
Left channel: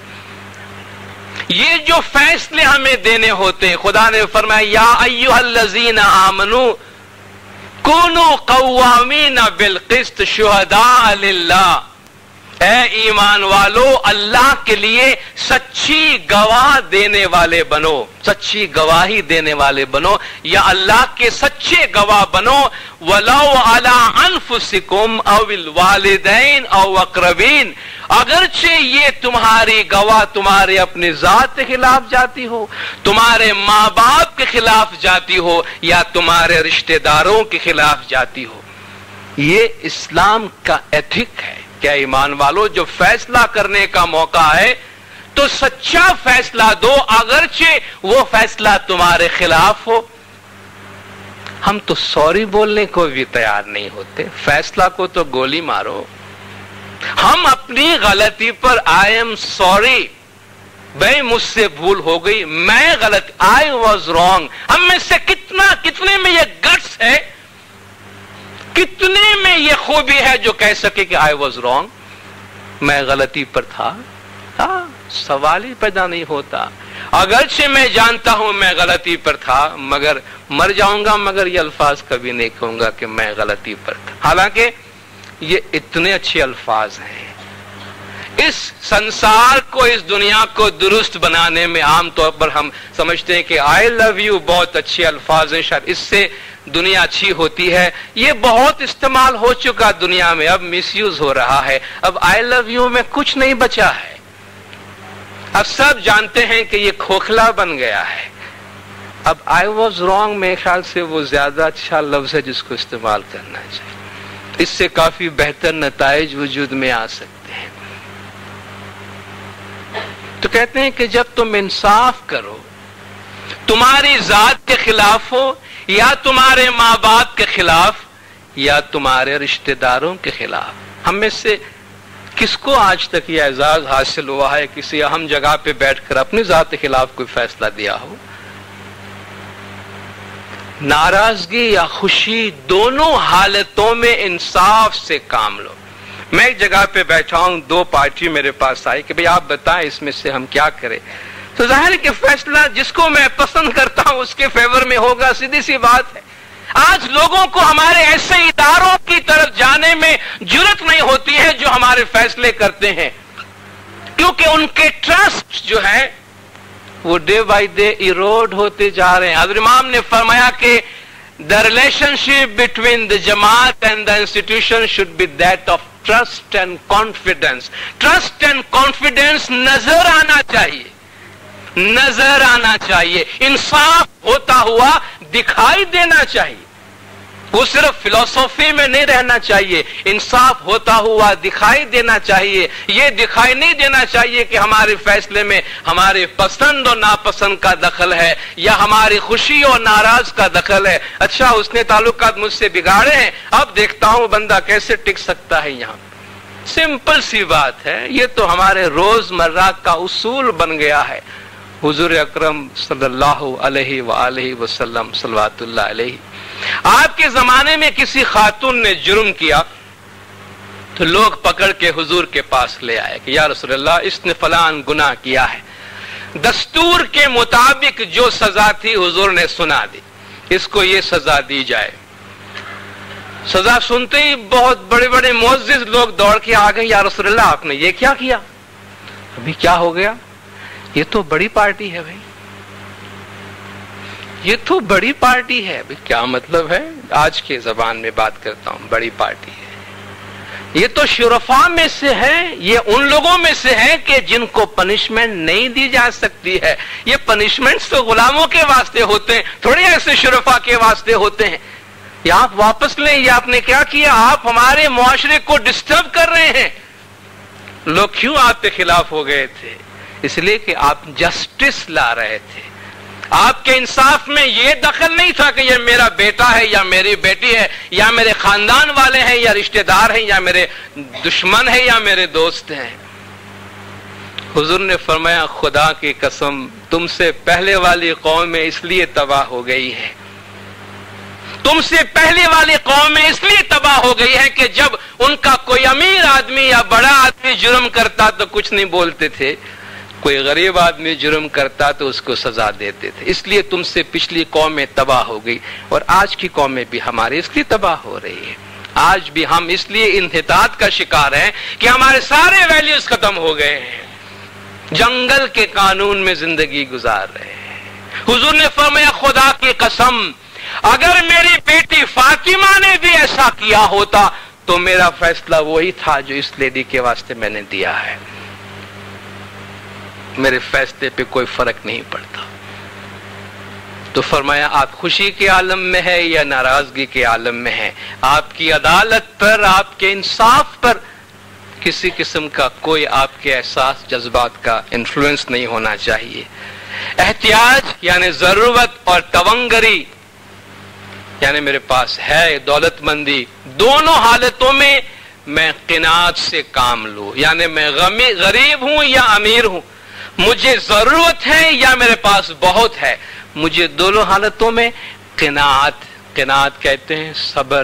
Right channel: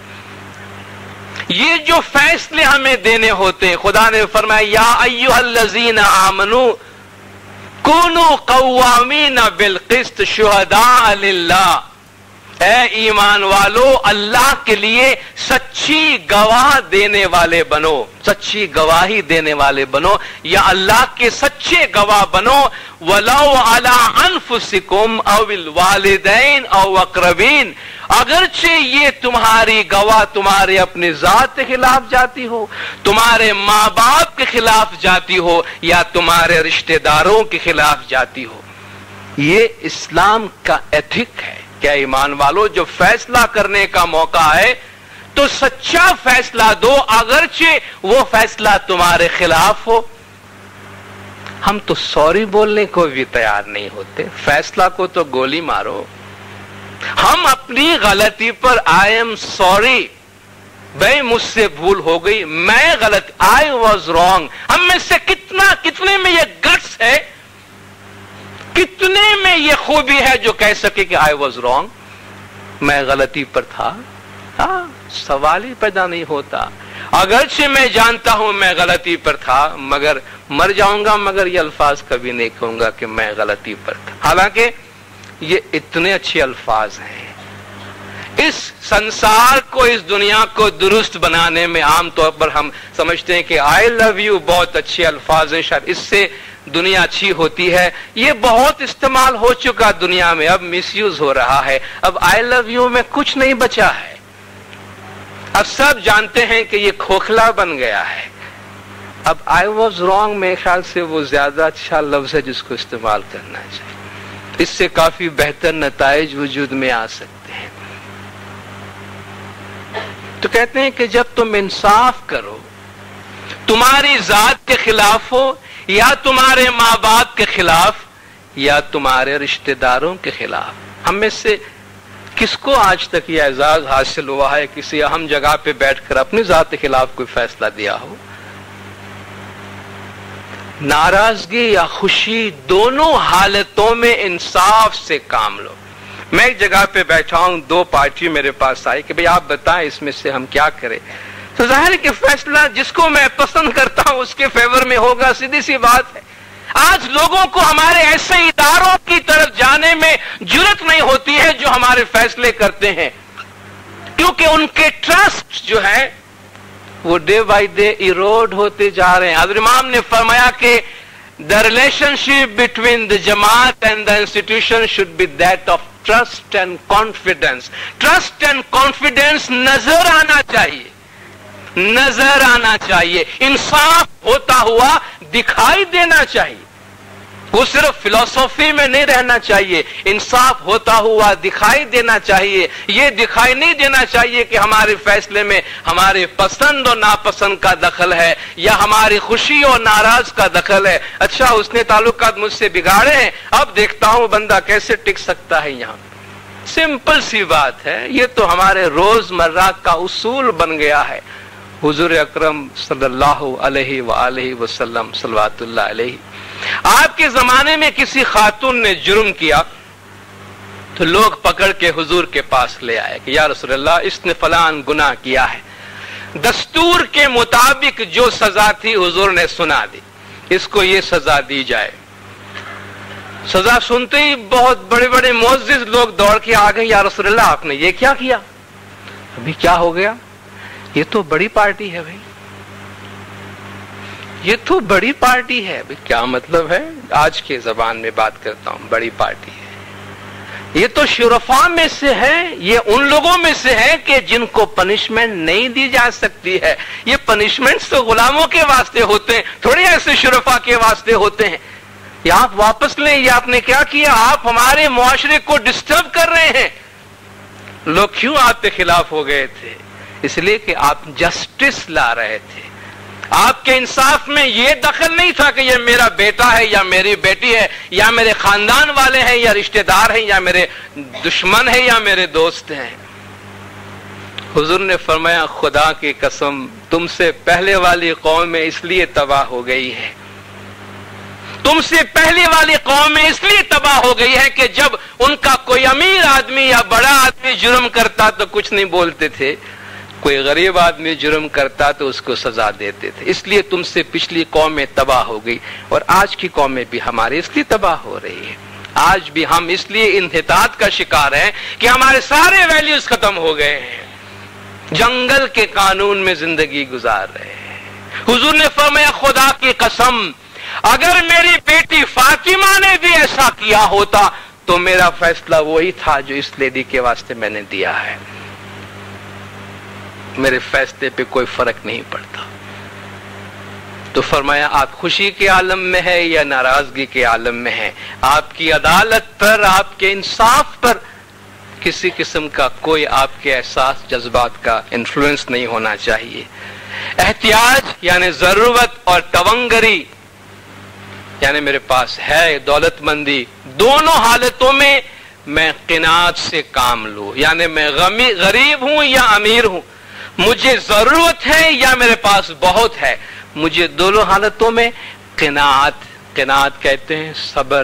یہ جو فیصلے ہمیں دینے ہوتے ہیں، خدا نے فرمایا یا ایھا الذین آمنوا کونوا قوامین بالقسط شہداء للہ، اے ایمان والو اللہ کے لیے سچی گواہ دینے والے بنو، سچی گواہی دینے والے بنو، یا اللہ کے سچے گواہ بنو، ولو علی انفسکم او الوالدین او اقربین، اگرچہ یہ تمہاری گواہ تمہارے اپنے ذات کے خلاف جاتی ہو، تمہارے ماں باپ کے خلاف جاتی ہو، یا تمہارے رشتہ داروں کے خلاف جاتی ہو۔ یہ اسلام کا ایتھک ہے۔ کیا ایمان والو جو فیصلہ کرنے کا موقع ہے تو سچا فیصلہ دو، اگرچہ وہ فیصلہ تمہارے خلاف ہو۔ ہم تو سوری بولنے کو بھی تیار نہیں ہوتے، فیصلہ کو تو گولی مارو۔ ہم اپنی غلطی پر آئی ایم سوری، بھائی مجھ سے بھول ہو گئی، میں غلط، آئی واز رانگ۔ ہم میں سے کتنے میں یہ گٹس ہے کتنے میں یہ خوبی ہے جو کہہ سکے کہ آئی واز رانگ، میں غلطی پر تھا؟ سوال ہی پیدا نہیں ہوتا۔ اگرچہ میں جانتا ہوں میں غلطی پر تھا، مگر مر جاؤں گا مگر یہ الفاظ کبھی نہیں کہوں گا کہ میں غلطی پر تھا۔ حالانکہ یہ اتنے اچھے الفاظ ہیں۔ اس سنسار کو، اس دنیا کو درست بنانے میں عام طور پر ہم سمجھتے ہیں کہ آئی لو یو بہت اچھے الفاظ ہیں، شاید اس سے دنیا اچھی ہوتی ہے۔ یہ بہت استعمال ہو چکا دنیا میں، اب مس یوز ہو رہا ہے۔ اب آئی لو یو میں کچھ نہیں بچا ہے۔ اب سب جانتے ہیں کہ یہ کھوکھلا بن گیا ہے۔ اب آئی واز رانگ میرے خیال سے وہ زیادہ اچھا لفظ ہے جس کو استعمال کرنا چاہیے۔ اس سے کافی بہتر نتائج وجود میں آ سکتے ہیں۔ تو کہتے ہیں کہ جب تم انصاف کرو، تمہاری ذات کے خلاف ہو یا تمہارے ماں باپ کے خلاف یا تمہارے رشتہ داروں کے خلاف۔ ہم میں سے کس کو آج تک یہ اعزاز حاصل ہوا ہے کسی اہم جگہ پہ بیٹھ کر اپنی ذات کے خلاف کوئی فیصلہ دیا ہو؟ ناراضگی یا خوشی دونوں حالتوں میں انصاف سے کام لو۔ میں ایک جگہ پہ بیٹھا ہوں، دو پارٹی میرے پاس آئی کہ بھئی آپ بتائیں اس میں سے ہم کیا کریں۔ تو ظاہر ہے کہ فیصلہ جس کو میں پسند کرتا ہوں اس کے فیور میں ہوگا، سیدھی سی بات ہے۔ آج لوگوں کو ہمارے ایسے اداروں کی طرف جانے میں جرأت نہیں ہوتی ہے جو ہمارے فیصلے کرتے ہیں، کیونکہ ان کے ٹرسٹ جو ہے وہ ڈے بائی ڈے ایروڈ ہوتے جا رہے ہیں۔ حضرت امام نے فرمایا کہ the relationship between the جماعت and the institution should be that of trust and confidence۔ Trust and confidence نظر آنا چاہیے، نظر آنا چاہیے، انصاف ہوتا ہوا دکھائی دینا چاہیے۔ وہ صرف فلسفی میں نہیں رہنا چاہیے، انصاف ہوتا ہوا دکھائی دینا چاہیے۔ یہ دکھائی نہیں دینا چاہیے کہ ہمارے فیصلے میں ہمارے پسند اور ناپسند کا دخل ہے یا ہماری خوشی اور ناراض کا دخل ہے۔ اچھا اس نے تعلقات مجھ سے بگاڑے ہیں، اب دیکھتا ہوں بندہ کیسے ٹک سکتا ہے یہاں۔ سمپل سی بات ہے، یہ تو ہمارے روز مرہ کا اصول بن گیا ہے۔ حضور اکرم صلی اللہ علیہ وآلہ وسلم صلوات اللہ علیہ، آپ کے زمانے میں کسی خاتون نے جرم کیا تو لوگ پکڑ کے حضور کے پاس لے آئے کہ یا رسول اللہ اس نے فلان گناہ کیا ہے۔ دستور کے مطابق جو سزا تھی حضور نے سنا دی، اس کو یہ سزا دی جائے۔ سزا سنتے ہی بہت بڑے بڑے معزز لوگ دوڑ کے آ گئے، یا رسول اللہ آپ نے یہ کیا کیا؟ ابھی کیا ہو گیا؟ یہ تو بڑی پارٹی ہے بھائی، یہ تو بڑی پارٹی ہے۔ کیا مطلب ہے؟ آج کے زبان میں بات کرتا ہوں، بڑی پارٹی ہے، یہ تو شرفاء میں سے ہے، یہ ان لوگوں میں سے ہے کہ جن کو پنشمنٹ نہیں دی جا سکتی ہے۔ یہ پنشمنٹس تو غلاموں کے واسطے ہوتے ہیں، تھوڑی ایسے شرفاء کے واسطے ہوتے ہیں۔ یہ آپ واپس لیں، یہ آپ نے کیا کیا؟ آپ ہمارے معاشرے کو ڈسٹرب کر رہے ہیں۔ لوگ کیوں آپ کے خلاف ہو گئے تھے؟ اس لیے کہ آپ جسٹس لا رہے تھے، آپ کے انصاف میں یہ دخل نہیں تھا کہ یہ میرا بیٹا ہے یا میری بیٹی ہے یا میرے خاندان والے ہیں یا رشتہ دار ہیں یا میرے دشمن ہیں یا میرے دوست ہیں۔ حضور نے فرمایا خدا کی قسم تم سے پہلے والی قوم میں اس لیے تباہ ہو گئی ہے، تم سے پہلے والی قوم میں اس لیے تباہ ہو گئی ہے کہ جب ان کا کوئی امیر آدمی یا بڑا آدمی جرم کرتا تو کچھ نہیں بولتے تھے، کوئی غریب آدمی جرم کرتا تو اس کو سزا دیتے تھے۔ اس لیے تم سے پچھلی قومیں تباہ ہو گئی اور آج کی قومیں بھی ہماری اس لیے تباہ ہو رہی ہے۔ آج بھی ہم اس لیے انحطاط کا شکار ہیں کہ ہمارے سارے ویلیوز ختم ہو گئے ہیں، جنگل کے قانون میں زندگی گزار رہے ہیں۔ حضور نے فرمایا خدا کی قسم اگر میری بیٹی فاطمہ نے بھی ایسا کیا ہوتا تو میرا فیصلہ وہی تھا جو اس لیڈی کے واسطے میں نے دیا ہے، میرے فیصلے پہ کوئی فرق نہیں پڑتا۔ تو فرمایا آپ خوشی کے عالم میں ہے یا ناراضگی کے عالم میں ہے، آپ کی عدالت پر، آپ کے انصاف پر کسی قسم کا کوئی آپ کے احساس جذبات کا انفلوئنس نہیں ہونا چاہیے۔ احتیاج یعنی ضرورت اور تونگری یعنی میرے پاس ہے دولت مندی، دونوں حالتوں میں میں قناعت سے کام لوں، یعنی میں غریب ہوں یا امیر ہوں، مجھے ضرورت ہے یا میرے پاس بہت ہے، مجھے دونوں حالتوں میں قناعت کہتے ہیں صبر